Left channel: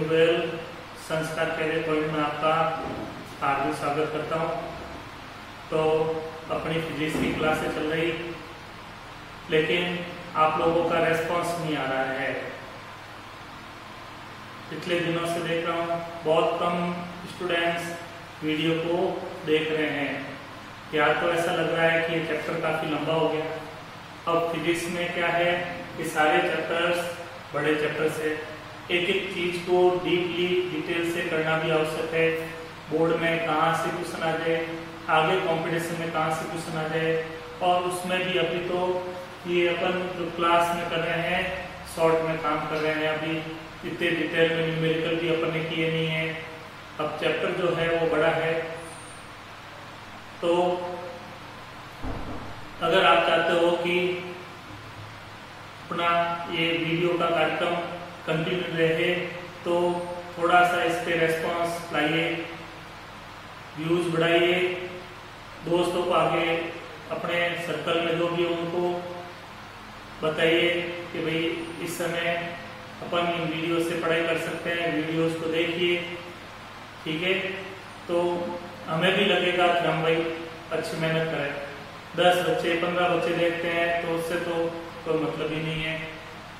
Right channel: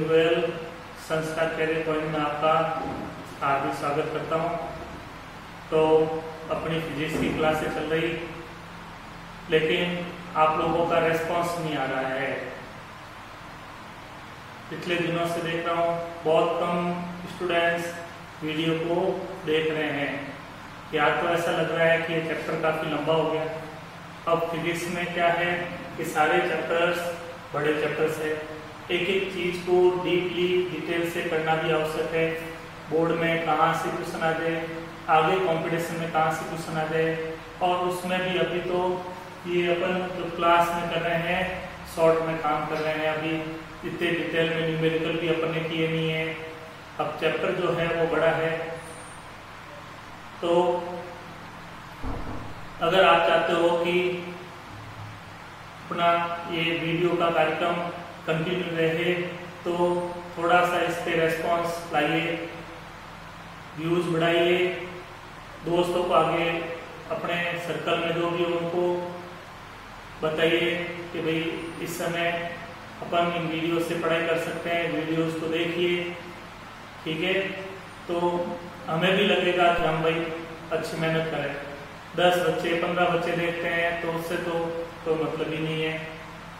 Doing well संस्कार career point में आपका हार्दिक स्वागत करता हूं। तो अपनी फिजिक्स की क्लासें चल रही, लेकिन आप लोगों का रेस्पॉन्स नहीं आ रहा है। पिछले दिनों से देख रहा हूं बहुत कम स्टूडेंट्स वीडियो को देख रहे हैं। या तो ऐसा लग रहा है कि ये चैप्टर काफी लंबा हो गया। अब फिजिक्स में क्या है कि सारे चैप्टर्स बड़े चैप्टर्स है, एक एक चीज को डीपली डिटेल से करना भी आवश्यक है। बोर्ड में कहाँ से क्वेश्चन आ जाए, आगे कंपटीशन में कहाँ से क्वेश्चन आ जाए, और उसमें भी अभी तो ये अपन जो क्लास में कर रहे हैं शॉर्ट में काम कर रहे हैं। अभी इतने डिटेल में न्यूमेरिकल भी अपन ने किए नहीं है। अब चैप्टर जो है वो बड़ा है। तो अगर आप चाहते हो कि अपना ये वीडियो का कार्यक्रम कंटिन्यू रहे तो थोड़ा सा इस पे रेस्पॉन्स लाइए, व्यूज बढ़ाइए, दोस्तों को आगे अपने सर्कल में जो भी हो उनको बताइए कि भाई इस समय अपन इन वीडियो से पढ़ाई कर सकते हैं, वीडियोस को देखिए, ठीक है। तो हमें भी लगेगा कि हम भाई अच्छी मेहनत करें। 10 बच्चे 15 बच्चे देखते हैं तो उससे तो कोई मतलब ही नहीं है।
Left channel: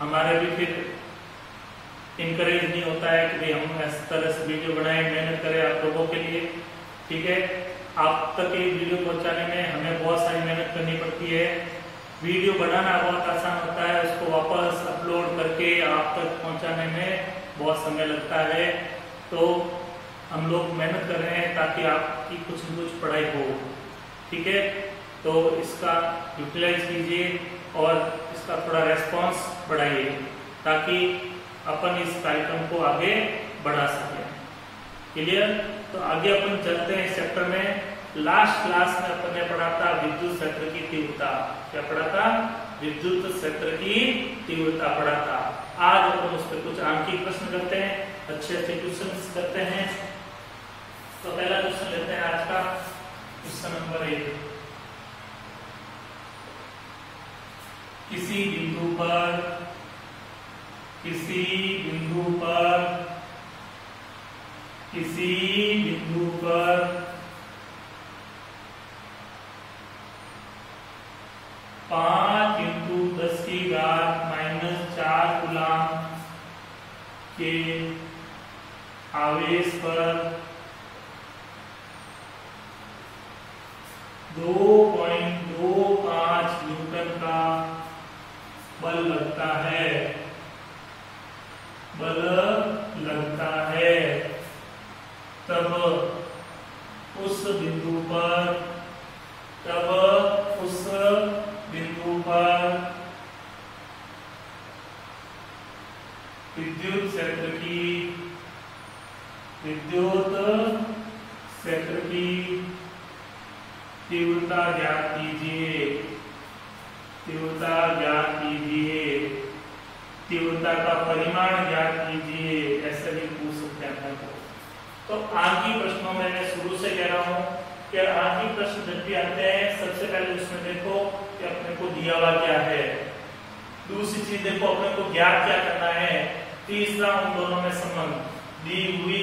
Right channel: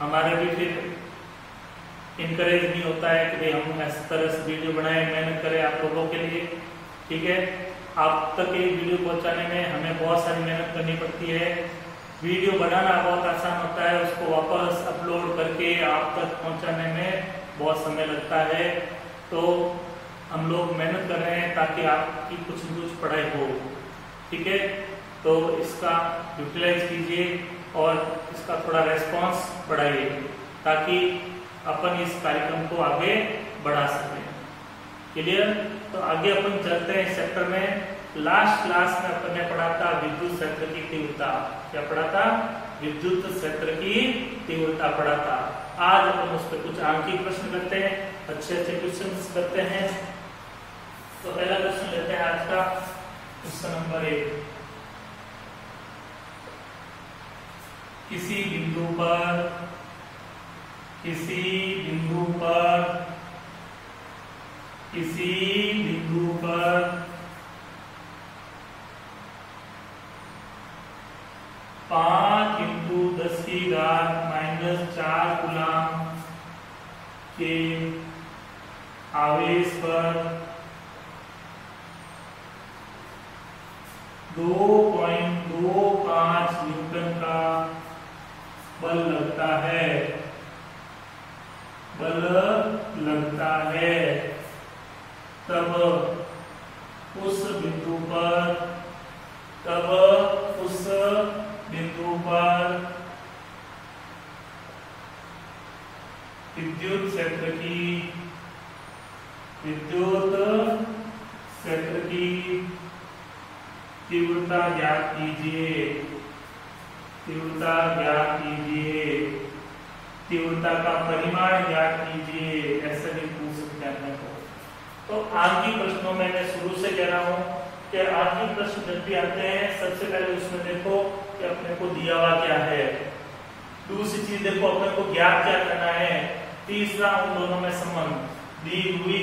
हमारे भी फिर इनकरेज नहीं होता है कि भाई हम इस तरह से वीडियो बनाए, मेहनत करें आप लोगों के लिए, ठीक है। आप तक ये वीडियो पहुंचाने में हमें बहुत सारी मेहनत करनी पड़ती है। वीडियो बनाना बहुत आसान होता है, उसको वापस अपलोड करके आप तक पहुंचाने में बहुत समय लगता है। तो हम लोग मेहनत कर रहे हैं ताकि आपकी कुछ न कुछ पढ़ाई हो, ठीक है। तो इसका यूटिलाइज कीजिए और इसका थोड़ा रेस्पॉन्स बढ़ाइए ताकि अपन इस कार्यक्रम को आगे बढ़ा सकें। क्लियर? तो आगे अपन चलते हैं इस चैप्टर में। लास्ट क्लास में अपन ने पढ़ा था विद्युत क्षेत्र की तीव्रता। क्या पढ़ा था? विद्युत क्षेत्र की तीव्रता पढ़ा था। आज अपन उस पर कुछ आंकिक प्रश्न करते हैं, अच्छे अच्छे क्वेश्चन करते हैं। तो पहला क्वेश्चन लेते हैं आज का, क्वेश्चन नंबर 1। किसी बिंदु पर 5 × 10⁻⁴ कूलम के आवेश पर 2.25 न्यूटन का बल लगता है, तब उस बिंदु पर विद्युत क्षेत्र की तीव्रता ज्ञात कीजिए, तीव्रता का परिमाण ज्ञात कीजिए, ऐसा भी पूछ सकते हैं अपने को। तो आंकिक प्रश्नों में मैं शुरू से कह रहा हूं कि आंकिक प्रश्न जब भी आते हैं सबसे पहले उसमें देखो कि अपने को दिया हुआ क्या है, दूसरी चीज देखो अपने को ज्ञात क्या करना है, तीसरा उन दोनों में संबंध, दी हुई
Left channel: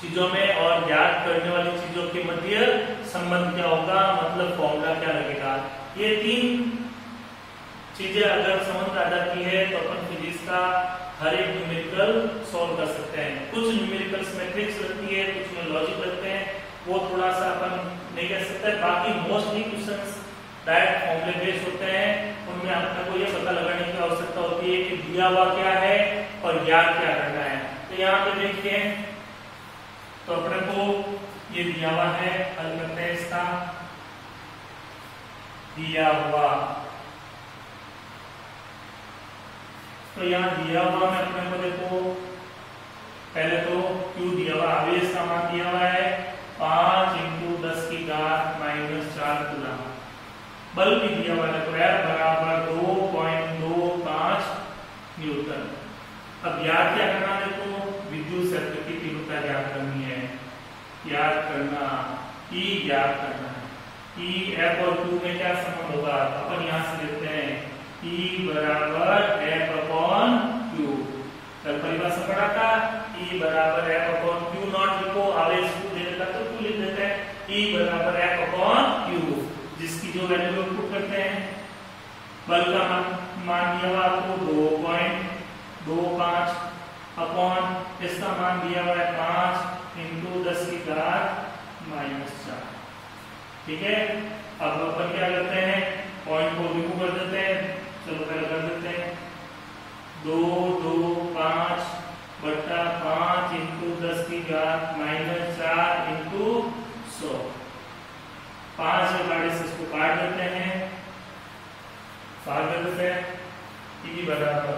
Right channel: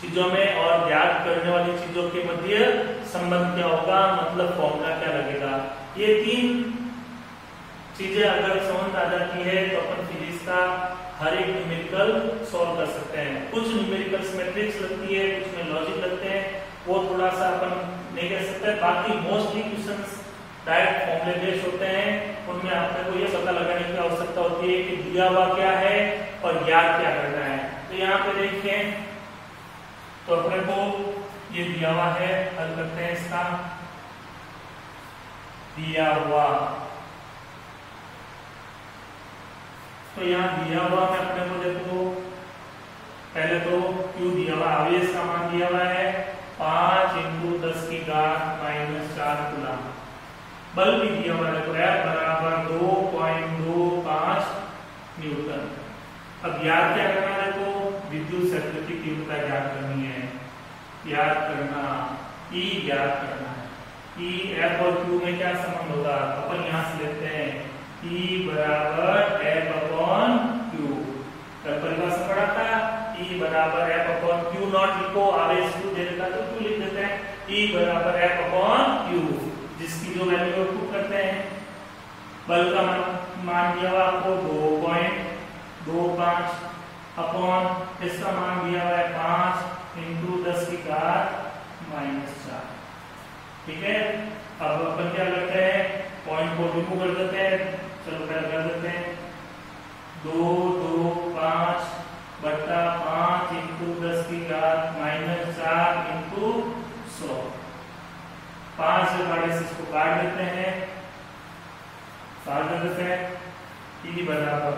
चीजों में और ज्ञात करने वाली चीजों के मध्य संबंध क्या होगा, मतलब फॉर्मूला क्या लगेगा। ये 3 चीजें अगर समझ आ जाती है तो अपन फिजिक्स का हर एक न्यूमेरिकल सॉल्व कर सकते हैं। कुछ न्यूमेरिकल्स में ट्रिक्स लगती है, कुछ में लॉजिक लगते हैं, वो थोड़ा सा अपन नहीं कर सकते। बाकी मोस्टली क्वेश्चंस डायरेक्ट फॉर्मूले बेस्ड होते हैं, उनमें अपने को ये पता लगाने की आवश्यकता होती है कि दिया हुआ क्या है और ज्ञात क्या करना है। तो यहाँ पे देखिए, तो अपने को ये दिया हुआ है, हल करते हैं इसका। दिया हुआ, तो यहाँ दिया हुआ में अपने को देखो पहले तो Q दिया हुआ, आवेश का मान दिया हुआ है 5 × 10⁻⁴ कूलम। बल भी दिया हुआ है, तो F बराबर 2.25 न्यूटन। अब याद क्या करना है, तो विद्युत क्षेत्र की तीव्रता ज्ञात करनी है, ज्ञात करना, E ज्ञात करना है। E F और Q में क्या संबंध होगा, अपन यहां से लेते हैं E बराबर F/Q। कल परिभाषा पढ़ा था E बराबर F अपॉन Q नॉट लिखो, आवेश Q दे रखा तो Q लिख देते हैं, E बराबर F अपॉन Q, जिसकी जो वैल्यू पुट करते हैं, बल का मान दिया हुआ आपको 2.25 अपॉन इसका मान दिया हुआ है 5 इंटू 10 की घात -4। ठीक है, अब अपन क्या करते हैं, पॉइंट को रिमूव कर देते हैं। चलो पहले कर देते हैं, 225 बट्टा 5 इंटू 10 की घात -4 इंटू 100। 5 से काटे से इसको काट देते हैं, साल कर देते हैं। E बराबर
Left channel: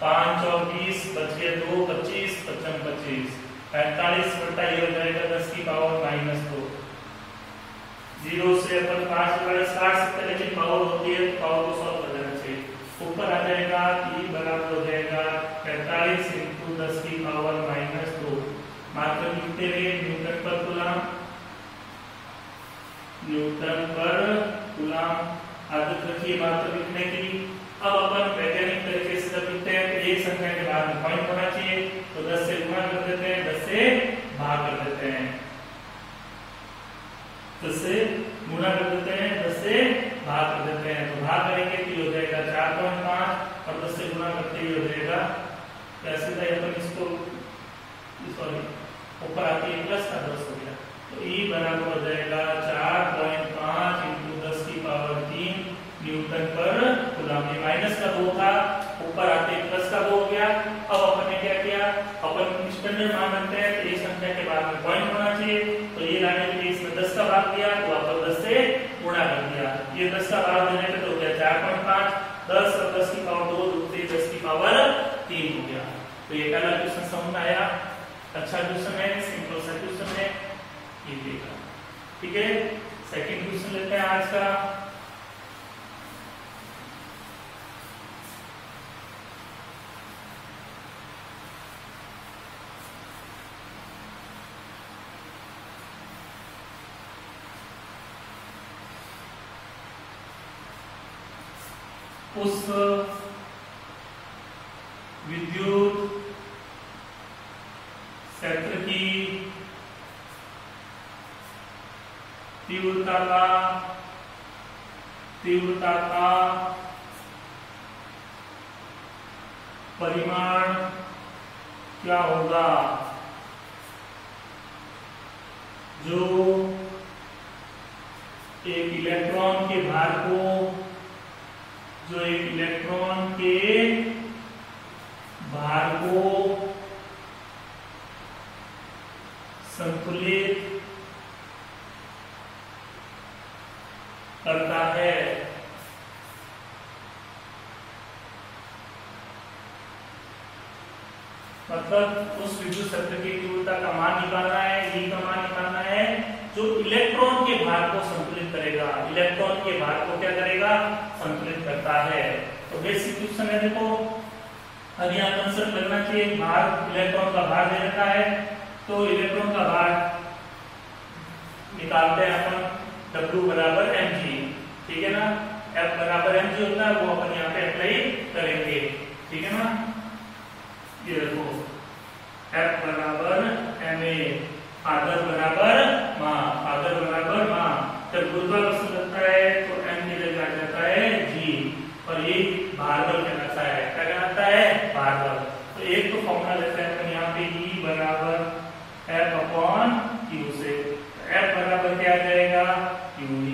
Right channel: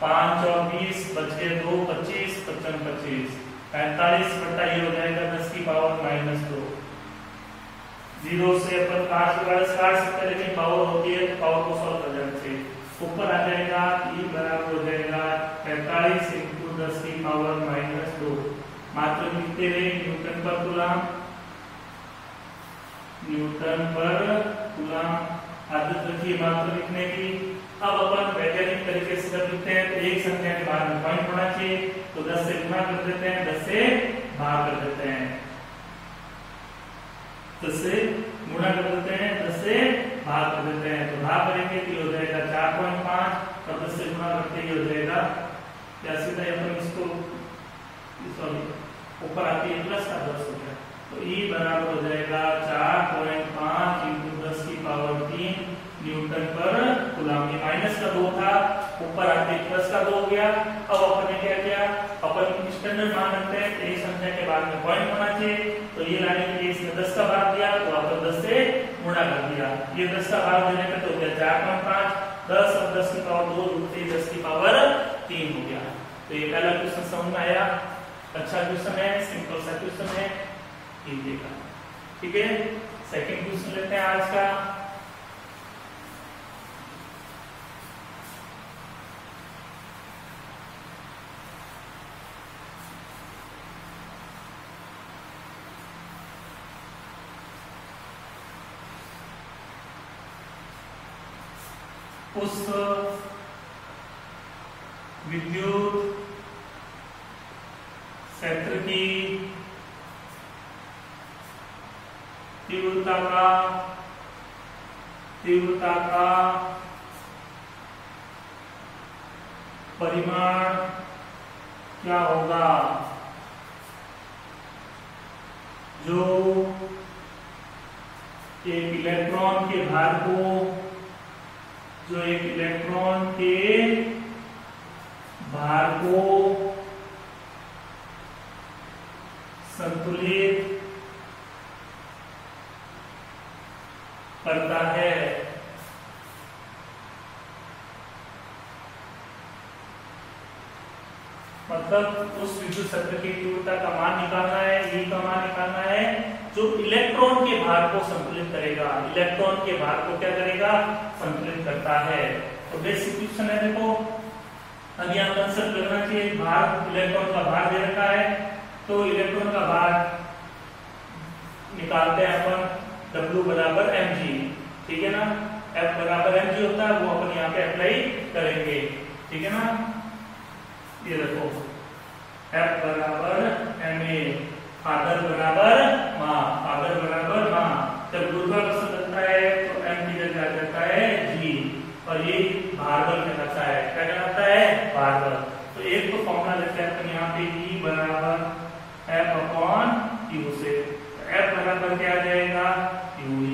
5 और 20 बचे 2, 25 55 25 45 बट्टा ये हो जाएगा 10 की पावर -2। 0 से अपन 5 काट सकते हैं, लेकिन पावर होती है तो पावर को सॉल्व कर देना चाहिए। ऊपर आ जाएगा E बराबर हो जाएगा 45 इंटू 10 की पावर -2। मात्रक लिखते हुए न्यूटन पर कूलम, न्यूटन पर कूलम आदत रखिए मात्रक लिखने की। अब अपन वैज्ञानिक तरीके से जब लिखते हैं तो एक संख्या के बाद में पॉइंट होना चाहिए, तो 10 से गुणा कर देते हैं, 10 से भाग कर देते हैं, 10 से गुणा कर देते हैं, 10 से भाग कर देते हैं। तो भाग करेंगे तो हो जाएगा 4.5 और 10 से गुणा करते ही हो जाएगा क्या, सीधा अपन इसको सॉरी ऊपर आती है प्लस का 10 हो गया, तो E बराबर हो जाएगा 4.5 इंटू 10 की पावर 3 न्यूटन पर कूलम। ये माइनस का 2 था, ऊपर आते प्लस का 2 हो गया। अब अपन ने क्या किया, अपन स्टैंडर्ड मान लेते हैं तो एक संख्या के बाद में पॉइंट होना चाहिए, तो ये लाने के लिए इसमें 10 का भाग दिया, तो अपन 10 से गुणा कर दिया। ये 10 का भाग देने के तो हो गया 4.5, 10 और 10 की पावर 2 जुड़ते 10 की पावर 3 हो गया। तो ये पहला क्वेश्चन समझ में आया, अच्छा क्वेश्चन है, सिंपल सा क्वेश्चन है, ये देखा। ठीक है, सेकंड क्वेश्चन लेते हैं आज का। उस विद्युत क्षेत्र की तीव्रता का परिमाण क्या होगा जो एक इलेक्ट्रॉन के भार को संतुलित करता है। मतलब उस विद्युत क्षेत्र की तीव्रता का मान निकालना है, E का मान निकालना है, जो इलेक्ट्रॉन के भार को संतुलित करेगा। इलेक्ट्रॉन के भार को क्या करेगा, संतुलित करता है। तो बेसिक क्वेश्चन है, देखो अब यहाँ कंसेप्ट लगना चाहिए, भार इलेक्ट्रॉन का भार दे रखा है, तो इलेक्ट्रॉन का भार निकालते हैं अपन, W बराबर mg, ठीक है ना, F बराबर mg होता है, वो अपन यहाँ पे अप्लाई करेंगे, ठीक है ना। ये देखो F बराबर ma, आदर बराबर मां, जब गुरुत्वाकर्षण लगता है तो m की जगह आ जाता है g, और ये भार बल कहलाता है, क्या कहलाता है, भार बल। तो एक तो फॉर्मूला लेते हैं अपन यहाँ पे, E बराबर F अपॉन Q से, F बराबर क्या आ जाएगा, QE।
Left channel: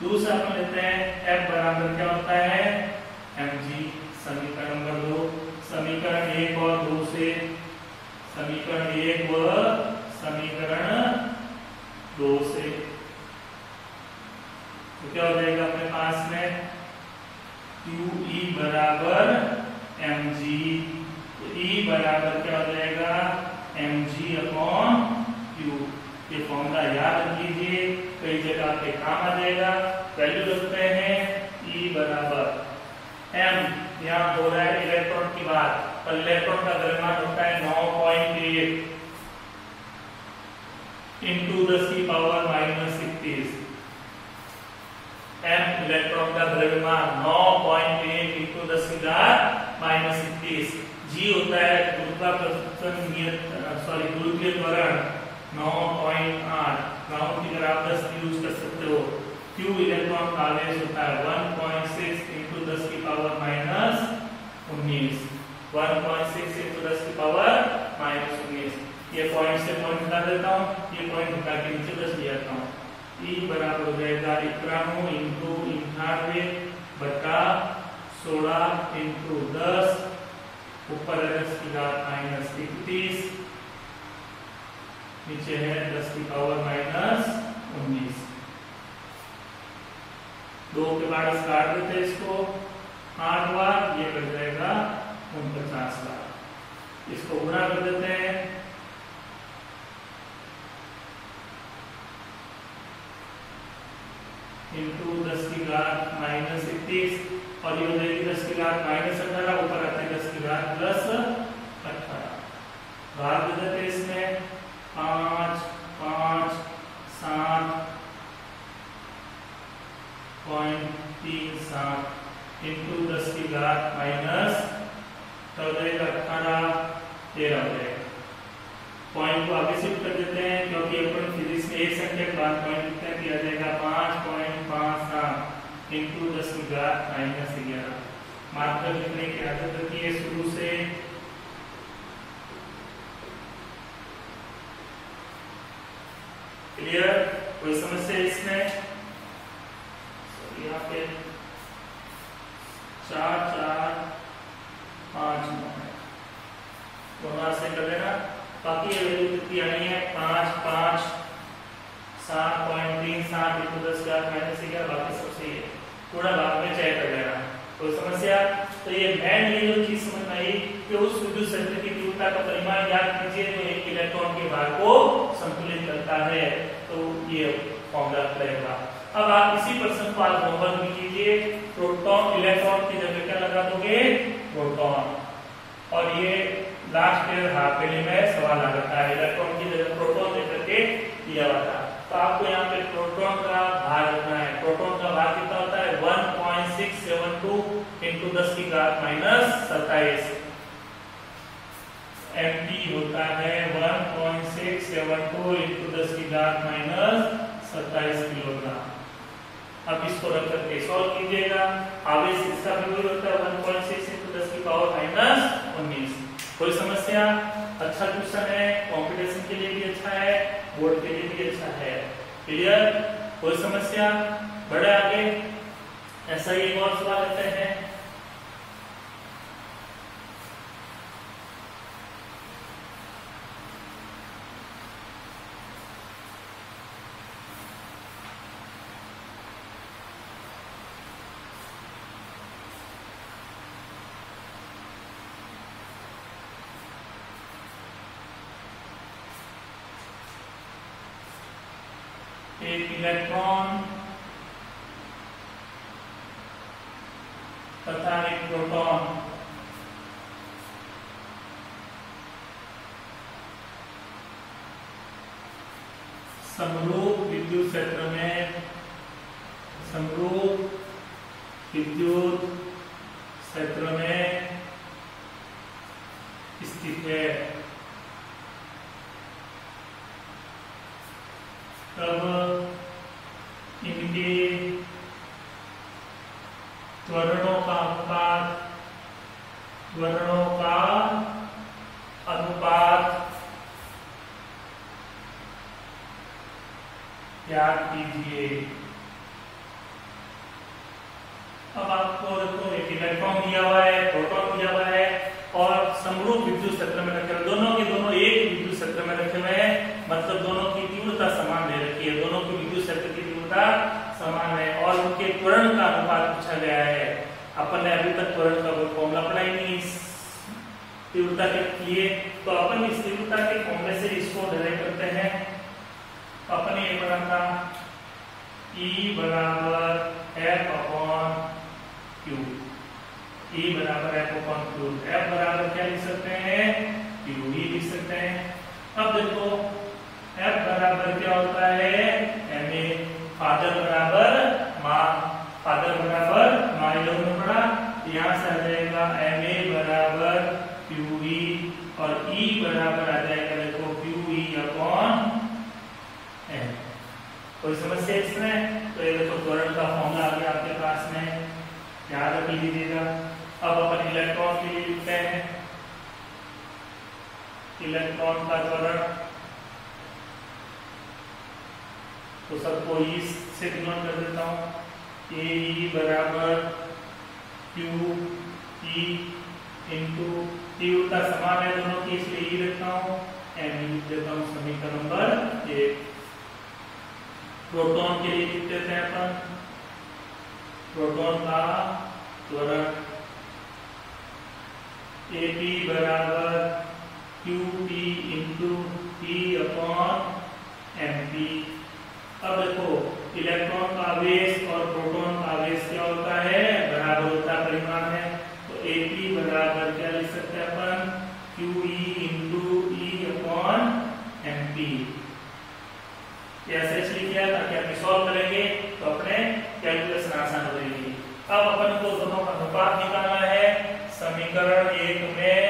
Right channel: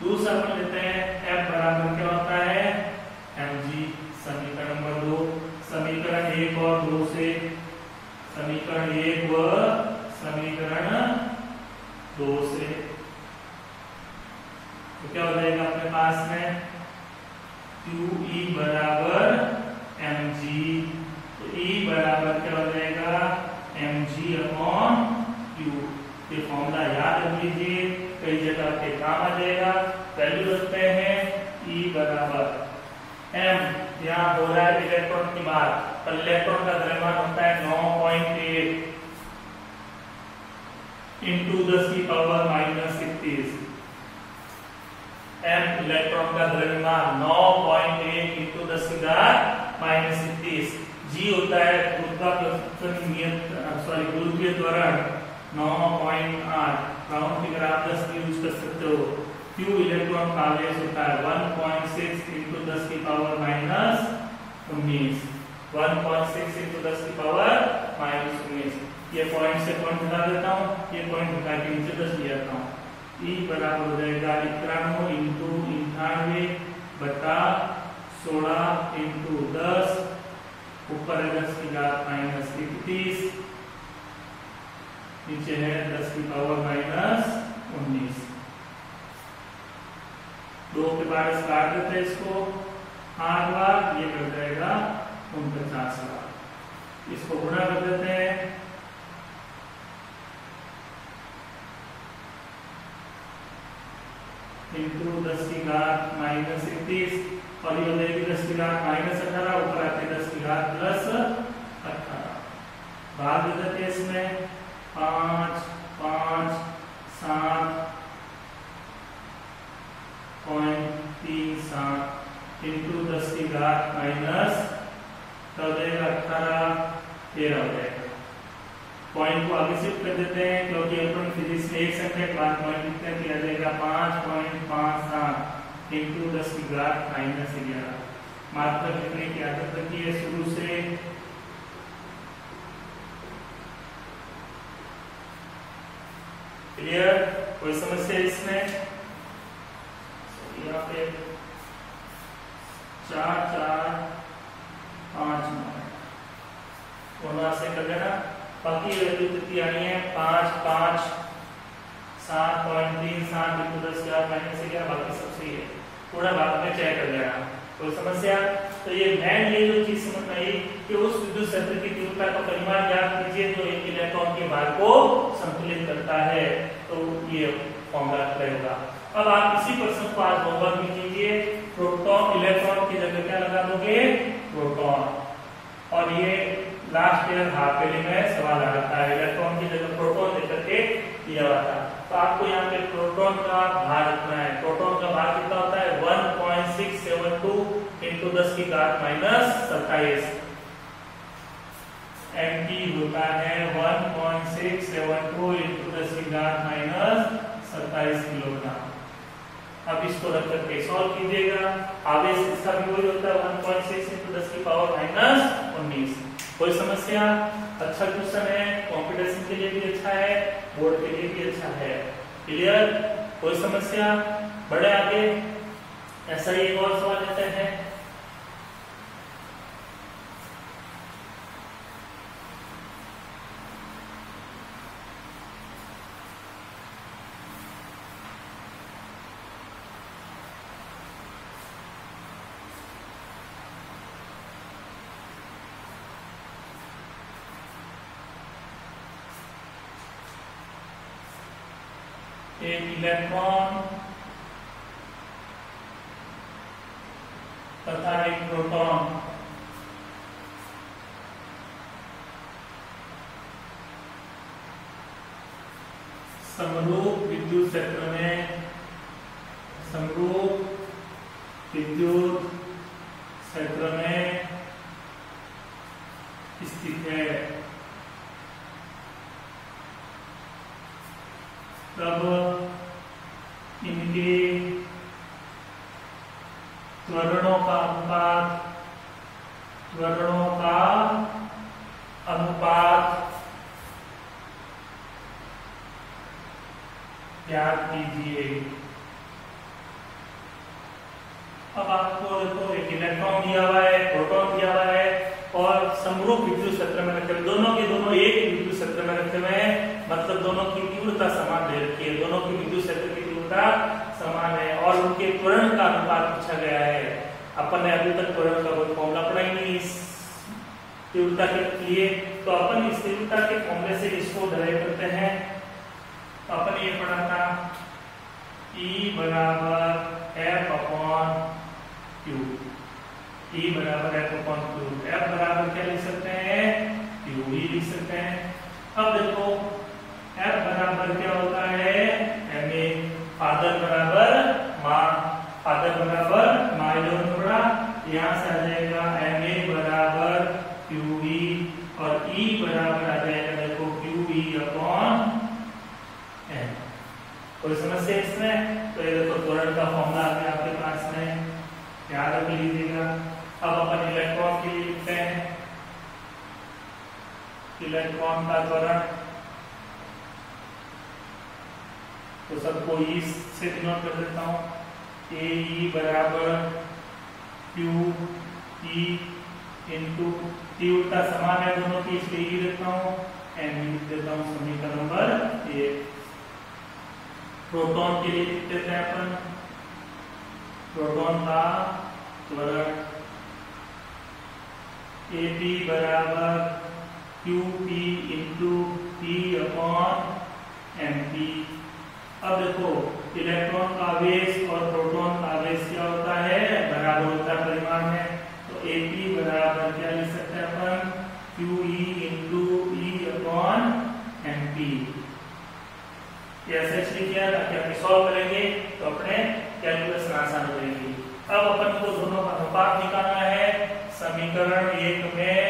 दूसरा अपन लेते हैं F बराबर क्या होता है, mg। समीकरण नंबर 2, समीकरण 1 और 2 से, समीकरण 1 व समीकरण 2 से, तो क्या हो जाएगा अपने पास में, QE बराबर mg। तो E बराबर क्या हो जाएगा, mg अपॉन Q। ये फॉर्मूला याद रख लीजिए, कई जगह के काम आ जाएगा। वैल्यू रखते हैं, E बराबर m, यहाँ हो रहा है इलेक्ट्रॉन की बात, तो इलेक्ट्रॉन का द्रव्यमान होता है 9.8 इंटू 10 की पावर -31। m इलेक्ट्रॉन का द्रव्यमान 9.8 इंटू 10 की घात -31। जी होता है गुरुत्वीय त्वरण 9.8, राउंड फिगर आप 10 की यूज कर सकते हो। क्यू इलेक्ट्रॉन का आवेश होता है 1.6 into 10 की पावर -19, 1.6 into 10 की पावर -19। ये पॉइंट से पॉइंट हटा देता हूँ, ये पॉइंट हटा के नीचे 10 ले आता हूँ। ई बराबर हो जाएगा 91 into 98 बटा 16 into 10, ऊपर है 10 की घात -31, नीचे है 10 की पावर -19। 2 के बाद काट देते हैं इसको 8 बार, ये बन जाएगा 49 बार। इसको गुणा कर देते हैं, इंटू 10 की घात -31, और ये हो जाएगी 10 की घात -18, ऊपर आते हैं 10 की घात +18। भाग दे देते हैं इसमें 5, 5, 7.37 इंटू 10 की घात -18 हो जाएगा 18, 13 हो जाएगा। पॉइंट को आगे शिफ्ट कर देते हैं, क्योंकि अपन फिजिक्स में एक संख्या के बाद पॉइंट लिखते हैं, किया जाएगा 5.57 इंटू 10 की घात -11। मात्रक लिखने की आदत रखी है शुरू से। क्लियर? कोई समस्या इसमें? यहाँ पे 4, 4, 5 से कर लेना। बाकी ये वैल्यू कितनी आनी है 5, 5, 7.37 इंटू 10 की घात -11, बाकी सब सही है। पूरा भाग में चेक कर लेना। कोई समस्या? तो ये मेन ये जो चीज समझ में आई कि उस विद्युत क्षेत्र की तीव्रता का परिमाण याद कीजिए, तो एक इलेक्ट्रॉन के भार को संतुलित करता है। तो ये फॉर्मूला अप्लाई होगा। अब आप इसी प्रश्न को आज होमवर्क में कीजिए। प्रोटॉन इलेक्ट्रॉन की जगह क्या लगा दोगे? प्रोटॉन। और ये लास्ट ईयर हाफ ईयरली में सवाल आ रखा है, इलेक्ट्रॉन की जगह प्रोटॉन लेकर के दिया हुआ था। तो आपको यहाँ पे प्रोटॉन का भार रखना है। प्रोटॉन का भार कितना होता है? 1.672 इंटू 10 की घात -27। mg होता है 1.672 इंटू 10 की घात -27 किलोग्राम। अब इसको रख करके सॉल्व कीजिएगा। आवेश इसका भी वही होता है 1.6 इंटू 10 की पावर -19। कोई समस्या? अच्छा क्वेश्चन है, कंपटीशन के लिए भी अच्छा है, बोर्ड के लिए भी अच्छा है। क्लियर? कोई समस्या? बढ़े आगे। ऐसा ही एक और सवाल लेते हैं। एक इलेक्ट्रॉन तथा एक प्रोटॉन समरूप विद्युत क्षेत्र में स्थित है। तब इनके त्वरणों का अनुपात याद कीजिए। अब आपको देखो एक इलेक्ट्रॉन दिया हुआ है, प्रोटॉन दिया हुआ है, और समरूप विद्युत क्षेत्र में रखे हुए, दोनों के दोनों एक ही विद्युत क्षेत्र में रखे हुए हैं, मतलब दोनों की तीव्रता समान दे रखी है, दोनों की विद्युत क्षेत्र की तीव्रता समान है, और उनके त्वरण का अनुपात पूछा गया है। अपन ने अभी तक त्वरण का कोई फॉर्मूला पढ़ा ही नहीं इस तीव्रता के लिए, तो अपन इस तीव्रता के फॉर्मूले से इसको डराइव करते हैं। तो अपन ये पढ़ा था E बराबर F/Q, E बराबर F/Q। F बराबर क्या लिख सकते हैं? Q ही लिख सकते हैं। अब देखो F बराबर क्या होता है? Ma। फादर बराबर माँ, फादर बराबर माँ, ये लोगों ने पढ़ा। यहाँ से आ जाएगा Ma QE और E बराबर आ जाएगा देखो QE अपॉन N। कोई समस्या इसमें? तो ये देखो त्वरण का फॉर्मूला आ गया आपके पास में, याद रख लीजिएगा। अब अपन इलेक्ट्रॉन के लिए लिखते हैं, इलेक्ट्रॉन का त्वरण तो सबको E से डिनोट कर देता हूं, AE बराबर QE इंटू तीव्रता समान है दोनों की इसलिए E लिखता हूं, M लिख देता हूं समीकरण नंबर 1। प्रोटॉन के लिए लिख देते हैं अपन, प्रोटॉन का त्वरण AP बराबर QP into P upon MP। अब देखो इलेक्ट्रॉन का आवेश और प्रोटॉन का आवेश क्या होता है? बराबर होता है, परिमाण है। तो AP बराबर क्या लिख सकते हैं अपन? QE into E upon MP। ऐसे इसलिए किया ताकि हम सॉल्व करेंगे तो अपने कैलकुलेशन आसान हो जाएगी। अब अपन को दोनों का अनुपात निकालना है। समीकरण 1 में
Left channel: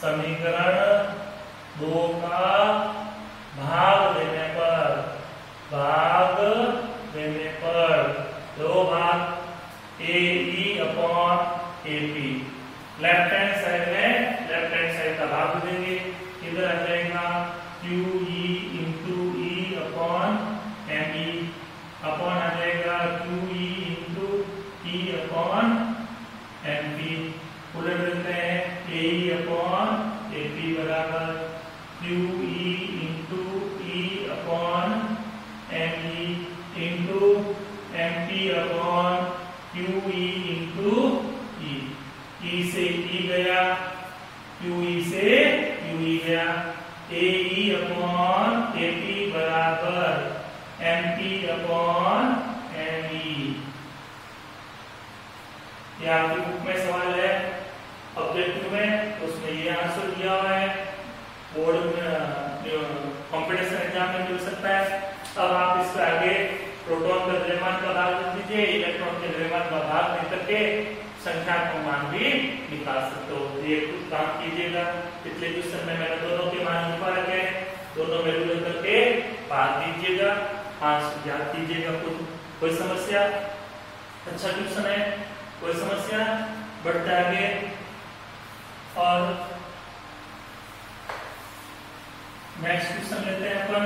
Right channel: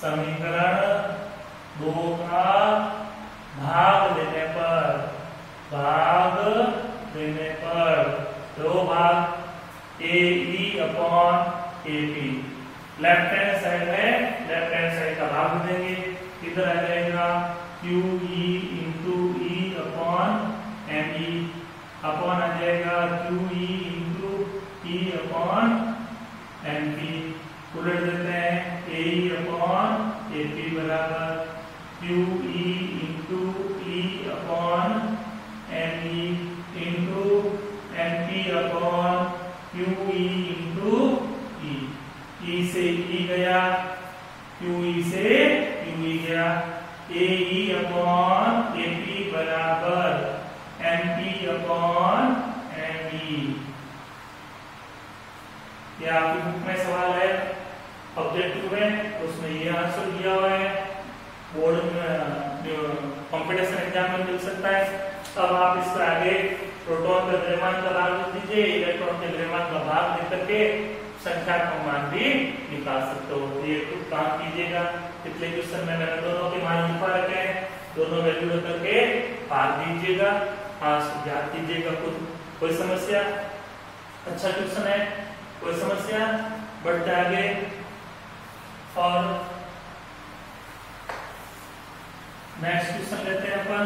समीकरण 2 का भाग देने पर 2 भाग AE upon AP। Left hand side का भाग देंगे, इधर आ जाएगा QE into E upon ME upon आ जाएगा QE into E upon MP। उलट देते हैं AE अपॉन AP बराबर QE into E upon ME into MP upon QE into E। E से E गया, QE से QE गया, AE अपॉन AP बराबर MP अपॉन ME। ये आपकी बुक में सवाल है ऑब्जेक्टिव में, उसमें ये आंसर दिया हुआ है, बोर्ड में कॉम्पिटिशन एग्जाम में मिल सकता है। अब आप इसके आगे प्रोटॉन का द्रव्यमान का भाग लिख दीजिए, इलेक्ट्रॉन के द्रव्यमान का भाग लिख करके संख्यात्मक मान भी निकाल सकते हो। ये कुछ काम कीजिएगा, पिछले क्वेश्चन में मैंने दोनों के मान लिखवा रखे हैं, दोनों वैल्यू करके पार दीजिएगा, आंसर याद कीजिएगा खुद। कोई समस्या? अच्छा क्वेश्चन है, कोई समस्या? बढ़ते आगे और नेक्स्ट क्वेश्चन लेते हैं अपन।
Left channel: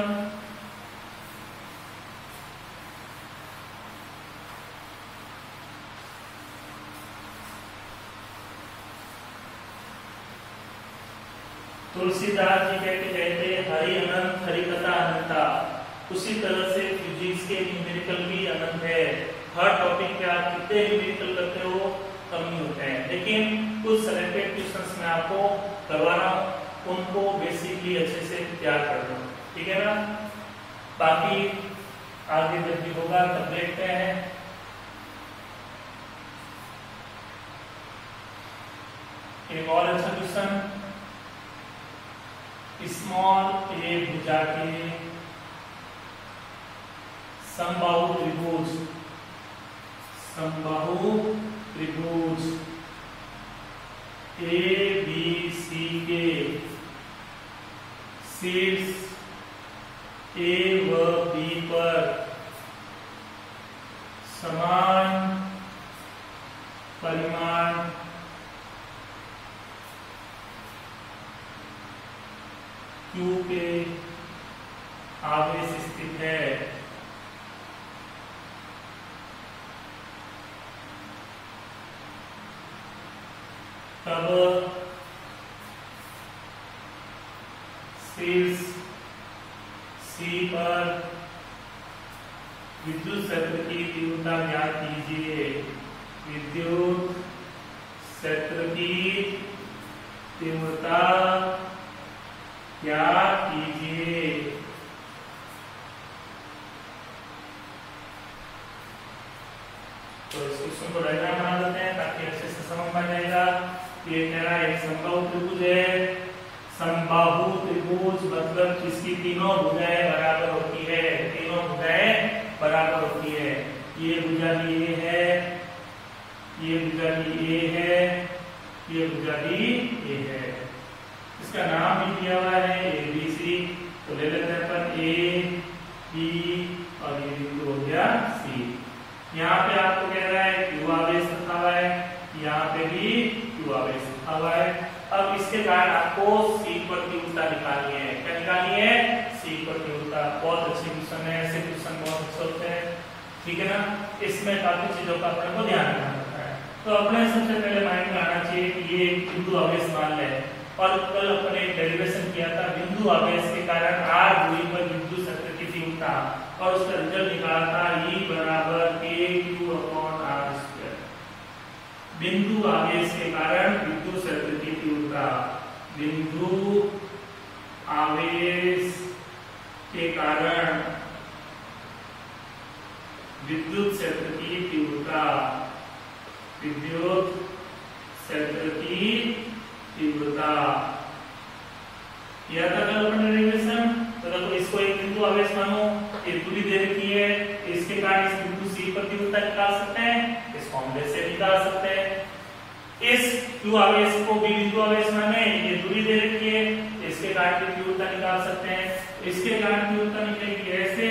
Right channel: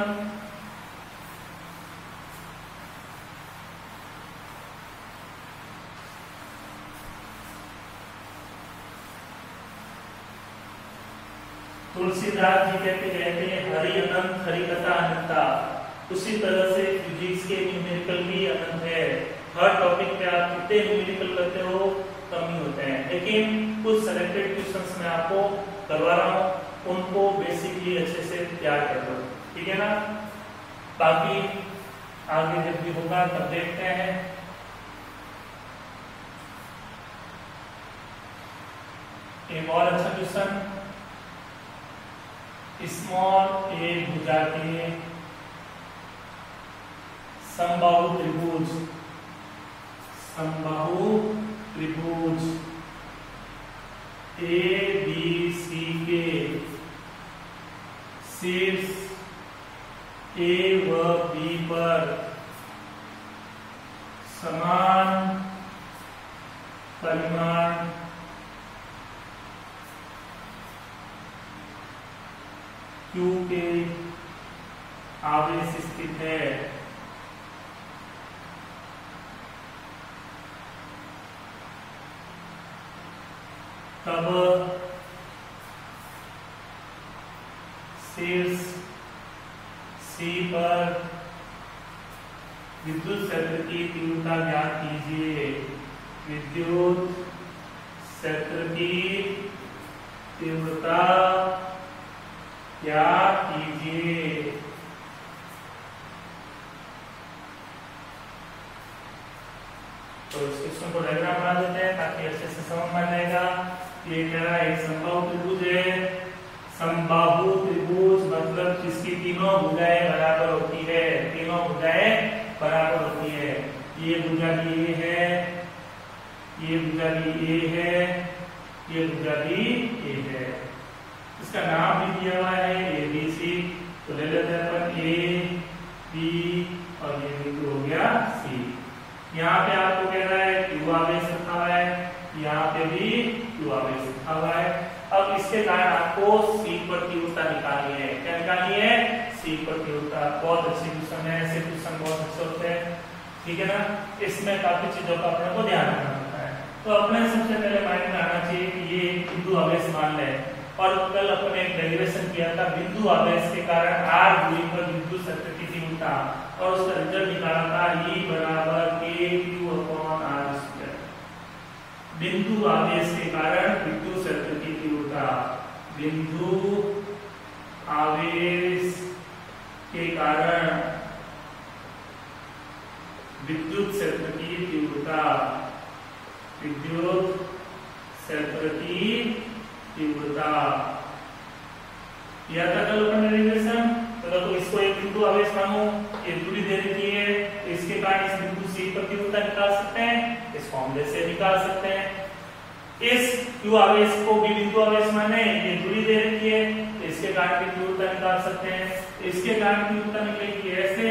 तुलसीदास जी कहते रहते हरि अनंत हरि कथा अनंता। उसी तरह से फिजिक्स के न्यूमेरिकल भी अनंत है। हर टॉपिक पे आप कितने न्यूमेरिकल करते हो कम ही होते हैं, लेकिन कुछ सेलेक्टेड क्वेश्चंस मैं आपको करवा रहा हूँ, उनको बेसिकली अच्छे से तैयार कर दो, ठीक है ना। बाकी आगे जब भी होगा तब देखते हैं। एक और अच्छा क्वेश्चन, स्मॉल ए भुजा के समबाहु त्रिभुज ABC के शीर्ष A व B पर समान परिमाण Q के आवेश स्थित है। तब शीर्ष C पर विद्युत क्षेत्र की तीव्रता ज्ञात कीजिए। विद्युत क्षेत्र की तीव्रता ज्ञात कीजिए। तो इस क्वेश्चन को डायग्राम बना देते हैं ताकि अच्छे से समझ में आ जाएगा। ये कह रहा है एक समबाहु त्रिभुज है। समबाहु त्रिभुज मतलब जिसकी तीनों भुजाएं बराबर होती है, तीनों भुजाएं बराबर होती है। ये भुजा ये है, ये भुजा भी ए है, ये भुजा भी ए है। इसका नाम भी दिया हुआ है ए बी सी, तो ले लेते हैं अपन ए बी और ये बिंदु हो गया सी। यहाँ पे आपको कह रहा है क्यू आवेश रखा हुआ है, यहाँ पे भी क्यू आवेश रखा हुआ है। अब इसके कारण आपको सी पर तीव्रता निकालनी है। क्या निकालनी है? सी पर तीव्रता। बहुत अच्छी क्वेश्चन है, ऐसे क्वेश्चन बहुत अच्छे होते हैं, ठीक है ना। इसमें काफी चीजों का अपने को ध्यान रखना पड़ता है। तो अपने सबसे पहले माइंड में आना चाहिए कि ये बिंदु आवेश मान ले, और कल अपने एक डेरिवेशन किया था बिंदु आवेश के कारण आर दूरी पर विद्युत क्षेत्र की तीव्रता, और उसका रिजल्ट निकाला था E बराबर kq/r²। बिंदु आवेश के कारण विद्युत क्षेत्र की तीव्रता, बिंदु आवेश के कारण विद्युत क्षेत्र की तीव्रता, विद्युत क्षेत्र की तीव्रता। यह था कल अपन डेरिवेशन। तो देखो इसको एक बिंदु आवेश मानो, एक दूरी दे रखी है, इसके कारण इस बिंदु सी पर तीव्रता निकाल सकते हैं, इस फॉर्मूले से निकाल सकते हैं। इस क्यू आवेश को भी बिंदु आवेश माने, ये दूरी दे रखी है, इसके कारण की तीव्रता निकाल सकते हैं। इसके कारण तीव्रता निकलेगी ऐसे,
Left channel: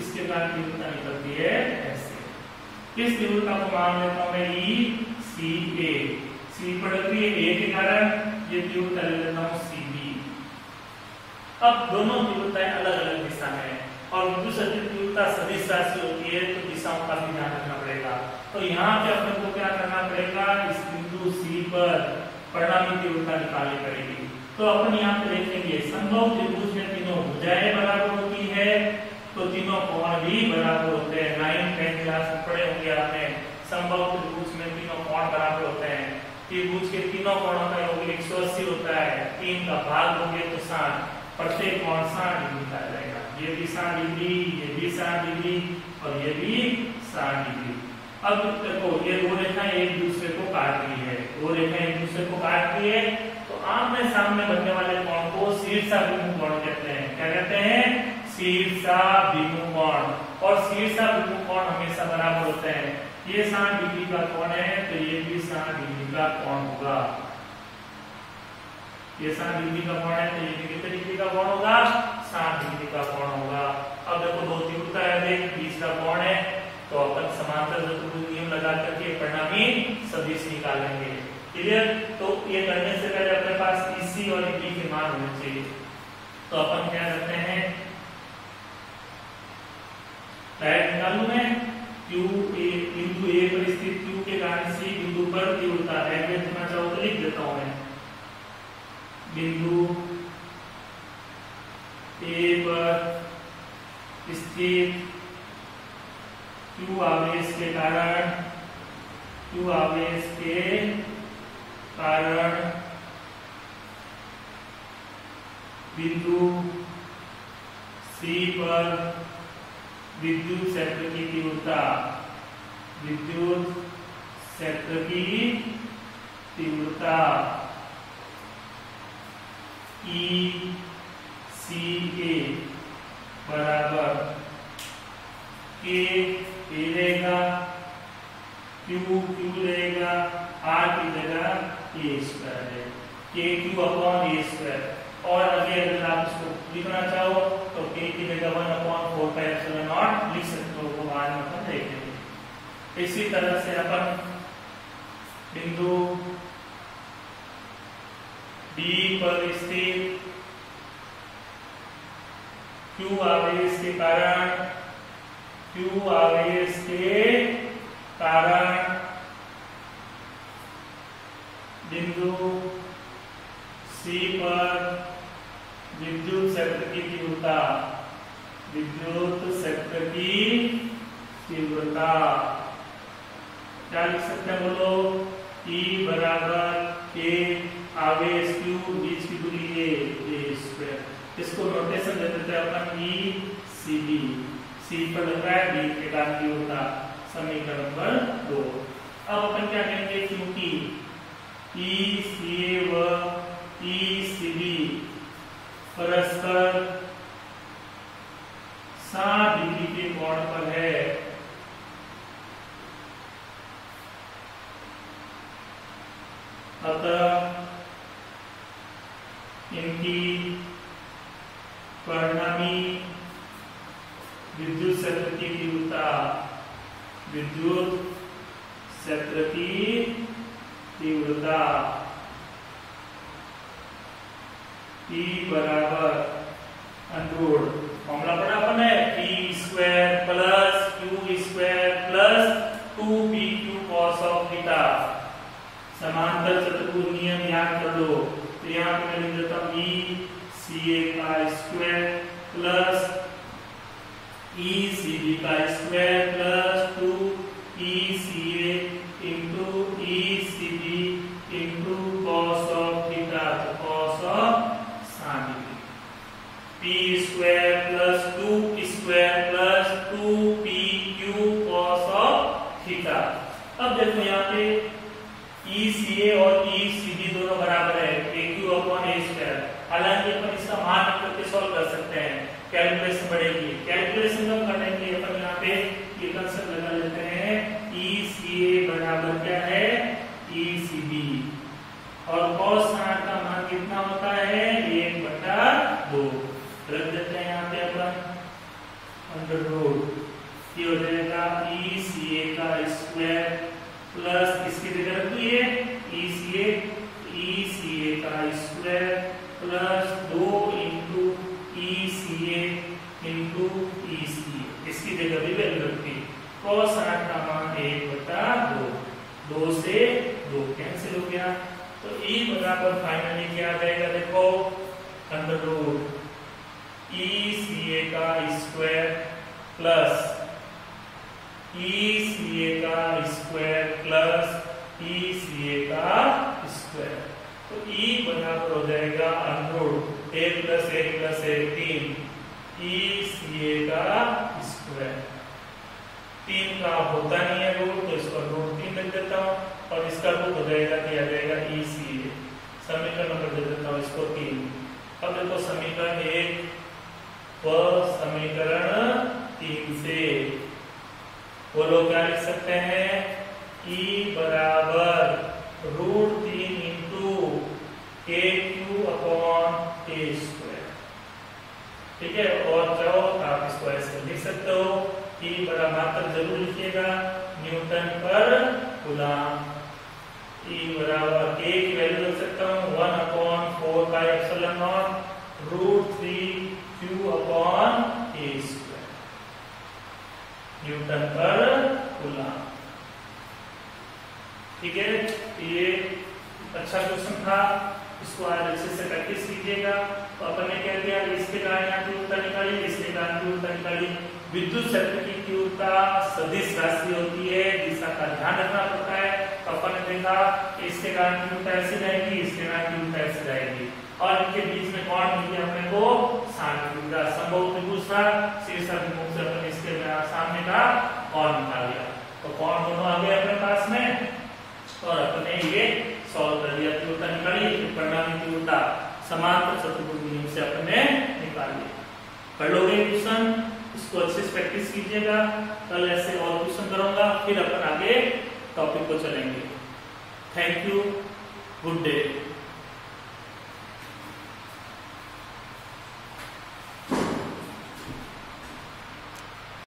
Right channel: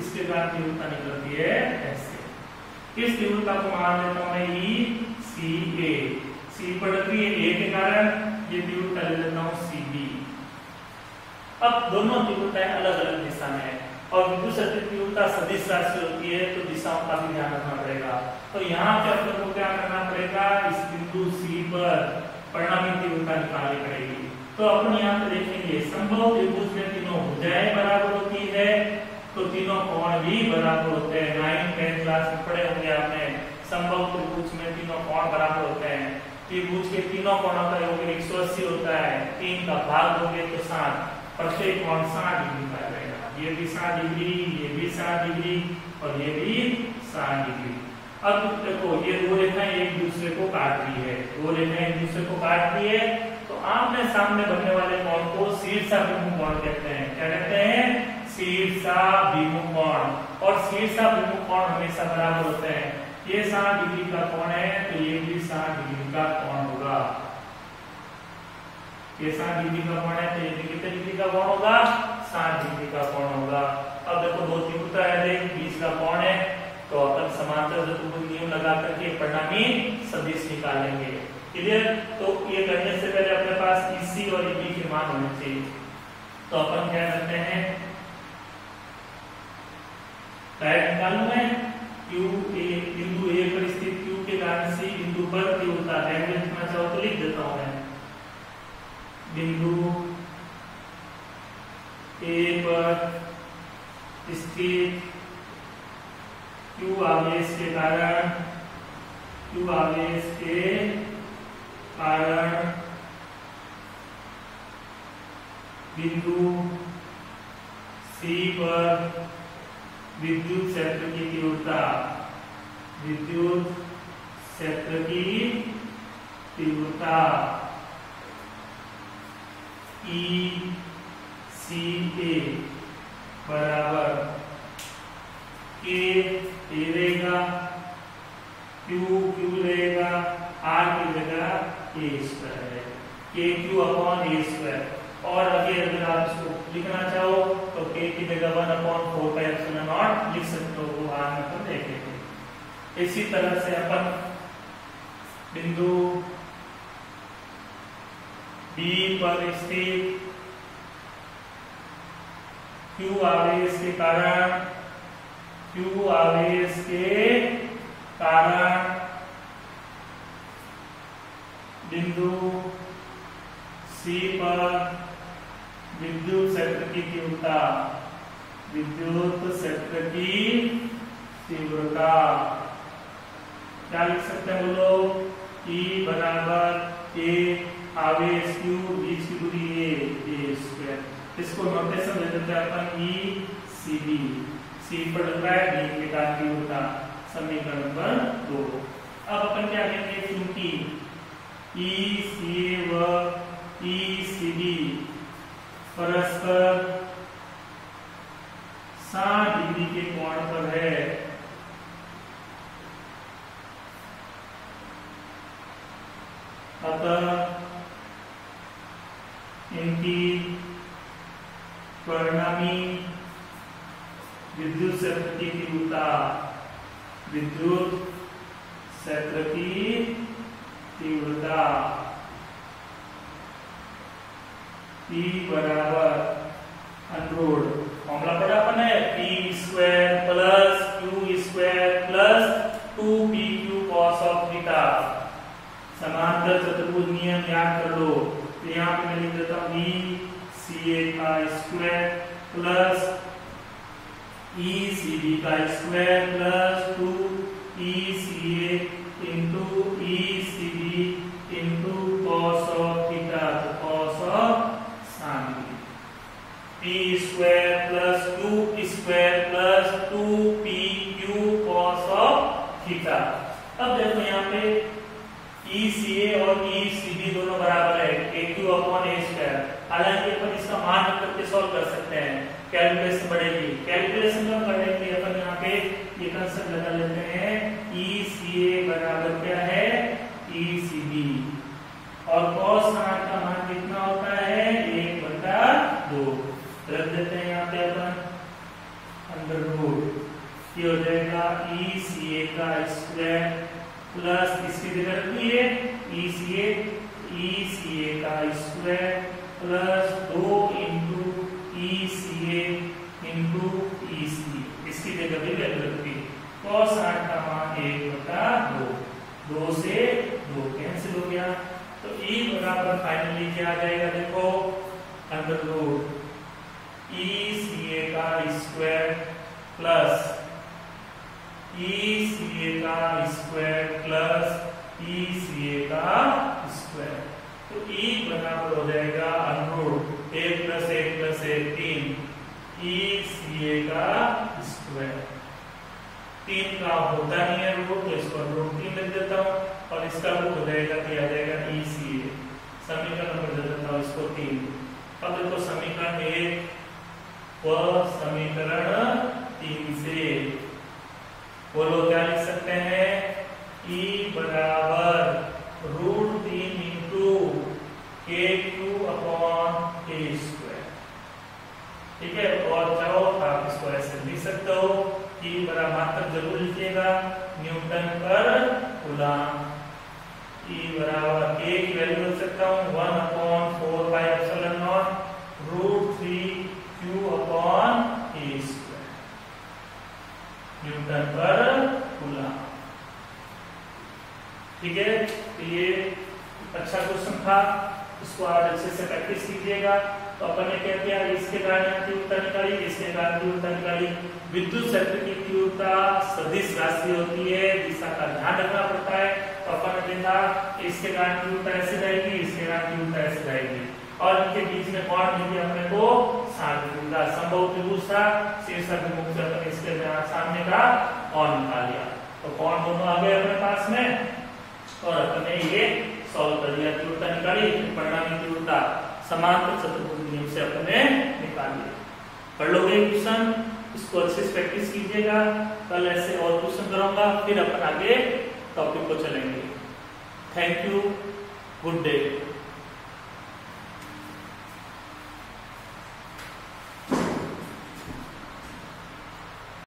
इसके कारण तीव्रता निकलती है ऐसे। इस तीव्रता को मान लेता हूं मैं ई सी ए। सी पर लग रही है ए के कारण, ये तीव्रता ले लेता हूं सी बी। अब दोनों तीव्रताएं अलग अलग दिशा में है, और विद्युत क्षेत्र की तीव्रता सदिश राशि होती है, तो दिशाओं का भी ध्यान रखना पड़ेगा। तो यहाँ पे अपन को क्या करना पड़ेगा? इस बिंदु सी पर परिणामी तीव्रता निकालनी पड़ेगी। तो अपन यहाँ पे देखेंगे संभव त्रिभुज में तीनों भुजाएं बराबर होती है, तो तीनों कोण भी बराबर होते हैं। 9th 10th क्लास में पढ़े होंगे आपने, संभव त्रिभुज में तीनों कोण बराबर होते हैं। त्रिभुज के तीनों कोणों का योग 180 होता है, 3 का भाग होंगे तो 60, प्रत्येक कोण 60 डिग्री का रहेगा। ये भी 60 डिग्री, ये भी 60 डिग्री, और ये भी 60 डिग्री। अब देखो ये दो रेखाएं एक दूसरे को काट रही है, दो रेखाएं एक दूसरे को काट रही है, तो आमने सामने बनने वाले कोण को शीर्षाभिमुख कोण कहते हैं। क्या कहते हैं? शीर्षाभिमुख कोण। और शीर्षाभिमुख कोण हमेशा बराबर होते हैं। ये 60 डिग्री का कोण है, तो ये भी 60 डिग्री का कोण होगा। ये 60 डिग्री का कोण है, तो ये कितने डिग्री का कोण होगा? 60 डिग्री का कोण होगा। अब देखो दो तीव्रता है, बीच का कोण है, तो अपन समांतर चतुर्भुज नियम लगा करके परिणामी सदिश निकालेंगे। क्लियर? तो ये करने से पहले अपने पास EC और EB के मान होने चाहिए। तो अपन क्या करते हैं, डायरेक्ट निकालूं मैं Q A, बिंदु A पर स्थित Q के कारण C बिंदु पर तीव्रता है, मैं लिखना चाहूँ तो लिख देता हूं मैं। बिंदु A पर स्थित Q आवेश के कारण, Q आवेश के कारण बिंदु C पर विद्युत क्षेत्र की तीव्रता, विद्युत क्षेत्र की तीव्रता ECA बराबर K रहेगा, Q रहेगा, R की जगह A² है, KQ/A²। और अगर आप इसको लिखना चाहो तो K की जगह 1/4πε0 लिख सकते हो, वो आज अपन देखेंगे। इसी तरह से अपन बिंदु B पर स्थित Q आवेश के कारण, Q आवेश के कारण बिंदु C पर विद्युत क्षेत्र की तीव्रता, विद्युत क्षेत्र की तीव्रता क्या लिख सकते हैं बोलो? E बराबर A आवेश Q, बीच की दूरी A²। इसको नोटेशन दे देते हैं अपन ECB। C पर लग रहा है, B के कारण तीव्रता, समीकरण नंबर 2। अब अपन क्या कहेंगे? क्योंकि ECA व ECB परस्पर 60 डिग्री के कोण पर है, अतः इनकी परिणामी विद्युत क्षेत्र की तीव्रता E बराबर अंडर फॉर्मूला पढ़ा अपन है P square plus Q square plus 2PQ cos of theta. समांतर चतुर्भुज नियम याद कर लो, तो यहाँ पे मैं लिख देता हूँ ECA का स्क्वायर प्लस ECB का square plus 2ECA into ECB into cos of theta, cos of sin P square plus 2 square plus 2PQ cos of theta. अब देखो यहाँ पे ECA और ECB दोनों बराबर है AQ अपॉन A स्क्वायर। हालांकि अपन इसका मान रख करके सॉल्व कर सकते हैं, कैलकुलेशन बढ़ेगी। कैलकुलेशन कब करेंगे अपन यहाँ पे ये कंसेप्ट लगा लेते हैं ECA बराबर क्या है ECB और cos 60 का मान कितना होता है 1/2 रख देते हैं यहाँ पे अपन अंडर रूट। ये हो जाएगा ECA का स्क्वायर प्लस इसकी जगह रखिए ECA का square plus 2 into ECA into ECA, इसकी जगह भी वैल्यू रखिए। cos 60 का मान 1/2, 2 से 2 कैंसिल हो गया, तो E बराबर फाइनली क्या आ जाएगा देखो अंडर रूट ECA का स्क्वायर प्लस ECA का स्क्वायर प्लस ECA का स्क्वायर, तो E बराबर हो जाएगा under root 1 plus 1 plus 1 3 ECA का स्क्वायर। 3 का होता नहीं है रूट, तो इसको रूट 3 लिख देता हूँ और इसका रूट हो जाएगा क्या आ जाएगा ECA। समीकरण नंबर दे देता हूँ इसको 3। अब देखो समीकरण 1 व समीकरण 3 से बोलो क्या लिख सकते हैं E बराबर √3 into KQ upon K square, ठीक है। और चाहो आप इसको ऐसे लिख सकते हो E बराबर मात्रक जरूर लिखिएगा न्यूटन पर कूलम। E बराबर K की वैल्यू लिख सकता हूँ 1/4/ε0 √3Q upon K square Newton पर कूलम, ठीक है। ये अच्छा क्वेश्चन था, इसको आज अच्छे से प्रैक्टिस कीजिएगा। तो अपन ने क्या किया, इसके कारण यहाँ तीव्रता निकाली, इसके कारण तीव्रता निकाली। विद्युत क्षेत्र की तीव्रता सदिश राशि होती है, दिशा का ध्यान रखना पड़ता है। तो अपन ने देखा इसके कारण तीव्रता ऐसी जाएगी, इसके कारण तीव्रता ऐसी जाएगी और इनके बीच में कौन मिली अपने को सामने संभव त्रिभुज था, शीर्षक मुख से अपन इसके सामने का कौन निकाल लिया, तो कौन दोनों आ गए अपने पास में और अपने ये सॉल्व कर दिया, तीव्रता निकाली, परिणामी तीव्रता समांतर चतुर्भुज नियम से अपने निकाल लिया। पढ़ लोगे क्वेश्चन, इसको अच्छे से प्रैक्टिस कीजिएगा। कल ऐसे और क्वेश्चन करूंगा, फिर अपन आगे टॉपिक को चलेंगे। Thank you, good day.